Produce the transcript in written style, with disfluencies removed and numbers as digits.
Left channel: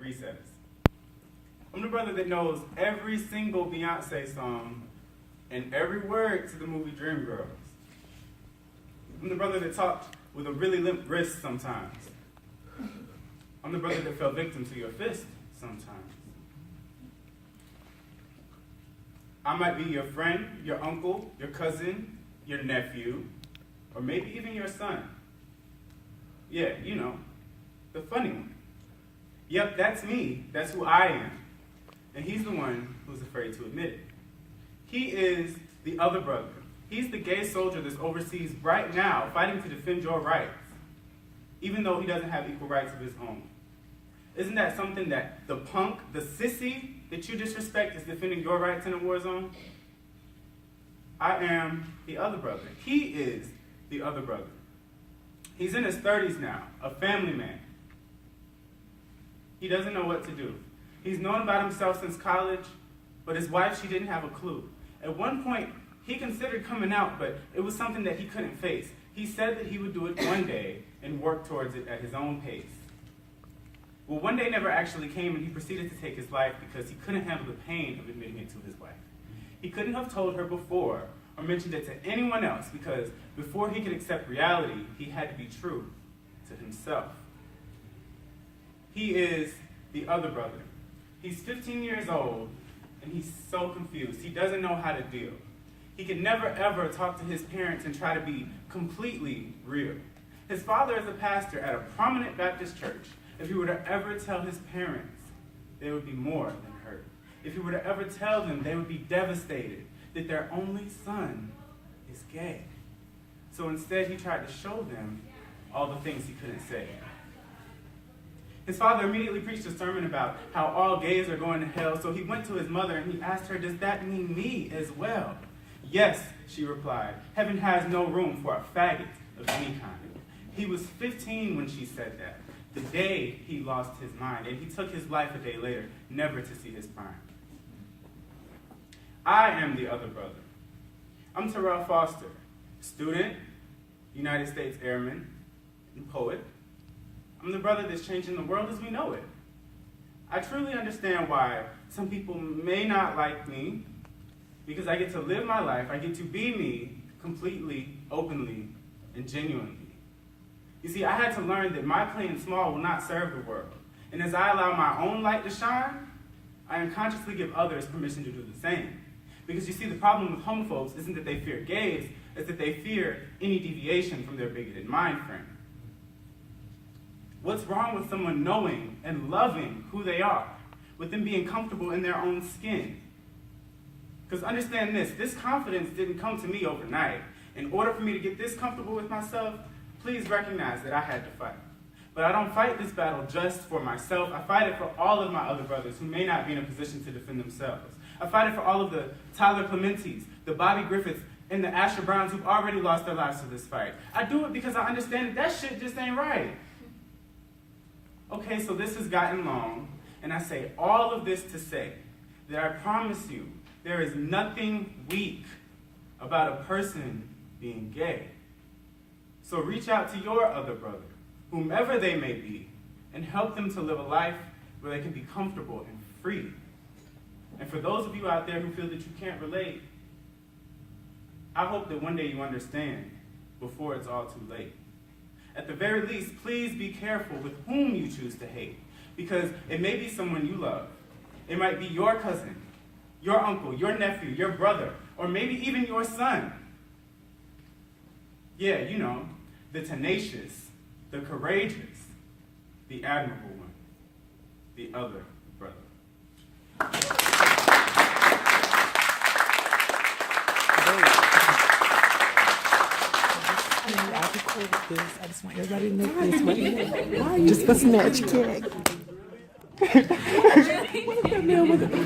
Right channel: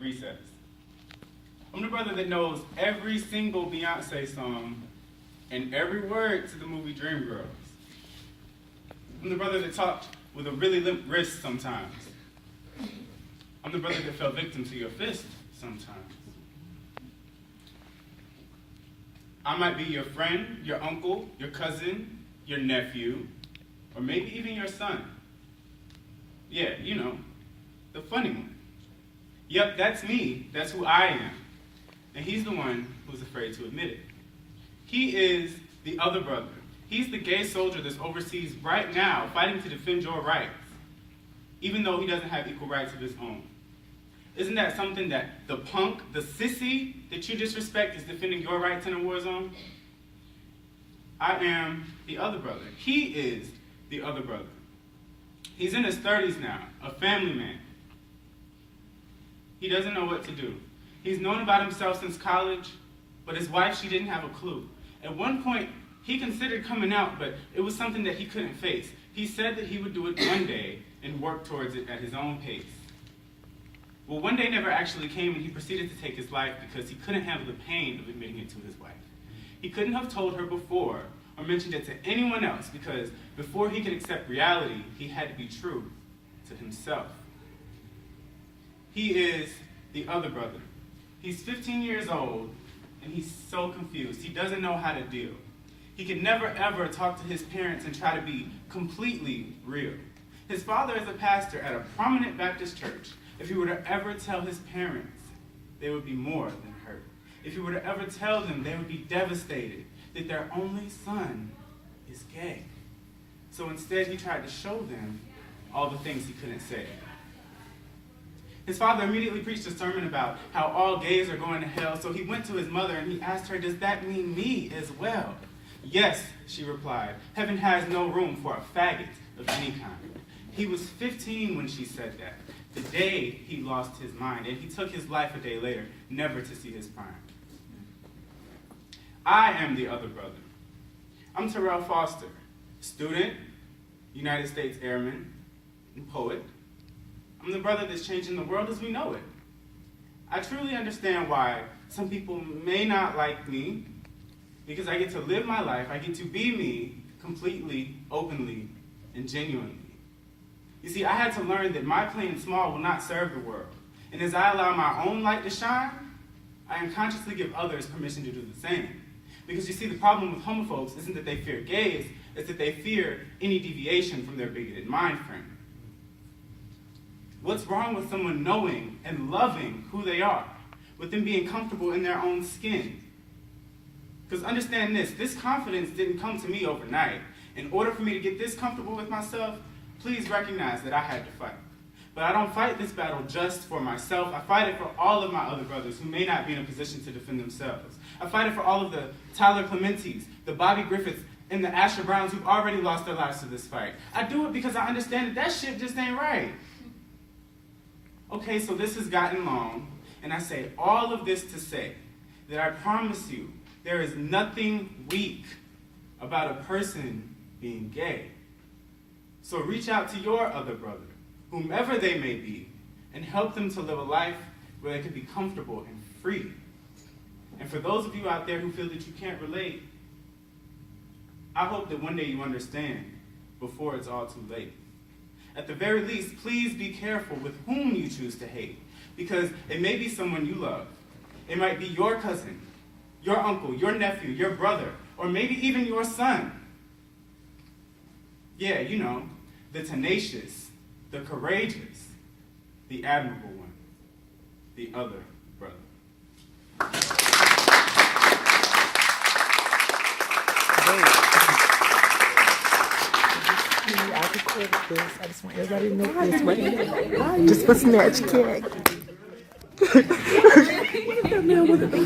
recess. I'm the brother that knows every single Beyonce song and every word to the movie Dreamgirls. I'm the brother that talked with a really limp wrist sometimes. I'm the brother that fell victim to your fist sometimes. I might be your friend, your uncle, your cousin, your nephew, or maybe even your son. Yeah, you know, the funny one. Yep, that's me. That's who I am. And he's the one who's afraid to admit it. He is the other brother. He's the gay soldier that's overseas right now fighting to defend your rights, even though he doesn't have equal rights of his own. Isn't that something that the punk, the sissy that you disrespect is defending your rights in a war zone? I am the other brother. He is the other brother. He's in his 30s now, a family man. He doesn't know what to do. He's known about himself since college, but his wife, she didn't have a clue. At one point, he considered coming out, but it was something that he couldn't face. He said that he would do it one day and work towards it at his own pace. Well, one day never actually came, and he proceeded to take his life because he couldn't handle the pain of admitting it to his wife. He couldn't have told her before or mentioned it to anyone else because before he could accept reality, he had to be true to himself. He is the other brother. He's 15 years old, and he's so confused. He doesn't know how to deal. He can never, ever talk to his parents and try to be completely real. His father is a pastor at a prominent Baptist church. If he were to ever tell his parents, they would be more than hurt. If he were to ever tell them, they would be devastated that their only son is gay. So instead, he tried to show them all the things he couldn't say. His father immediately preached a sermon about how all gays are going to hell, so he went to his mother and he asked her, "Does that mean me as well?" "Yes," she replied. "Heaven has no room for a faggot of any kind." He was 15 when she said that, the day he lost his mind, and he took his life a day later, never to see his prime. I am the other brother. I'm Terrell Foster, student, United States Airman, and poet. I'm the brother that's changing the world as we know it. I truly understand why some people may not like me, because I get to live my life, I get to be me completely, openly, and genuinely. You see, I had to learn that my playing small will not serve the world. And as I allow my own light to shine, I unconsciously give others permission to do the same. Because you see, the problem with homophobes isn't that they fear gays, it's that they fear any deviation from their bigoted mind frame. What's wrong with someone knowing and loving who they are, with them being comfortable in their own skin? Because understand this confidence didn't come to me overnight. In order for me to get this comfortable with myself, please recognize that I had to fight. But I don't fight this battle just for myself. I fight it for all of my other brothers who may not be in a position to defend themselves. I fight it for all of the Tyler Clementes, the Bobby Griffiths, and the Asher Browns who've already lost their lives to this fight. I do it because I understand that shit just ain't right. Okay, so this has gotten long, and I say all of this to say that I promise you there is nothing weak about a person being gay. So reach out to your other brother, whomever they may be, and help them to live a life where they can be comfortable and free. And for those of you out there who feel that you can't relate, I hope that one day you understand before it's all too late. At the very least, please be careful with whom you choose to hate, because it may be someone you love. It might be your cousin, your uncle, your nephew, your brother, or maybe even your son. Yeah, you know, the tenacious, the courageous, the admirable one, the other brother. I recorded this. I just want everybody to know this right here. Just for Snatch Cat. What if that man was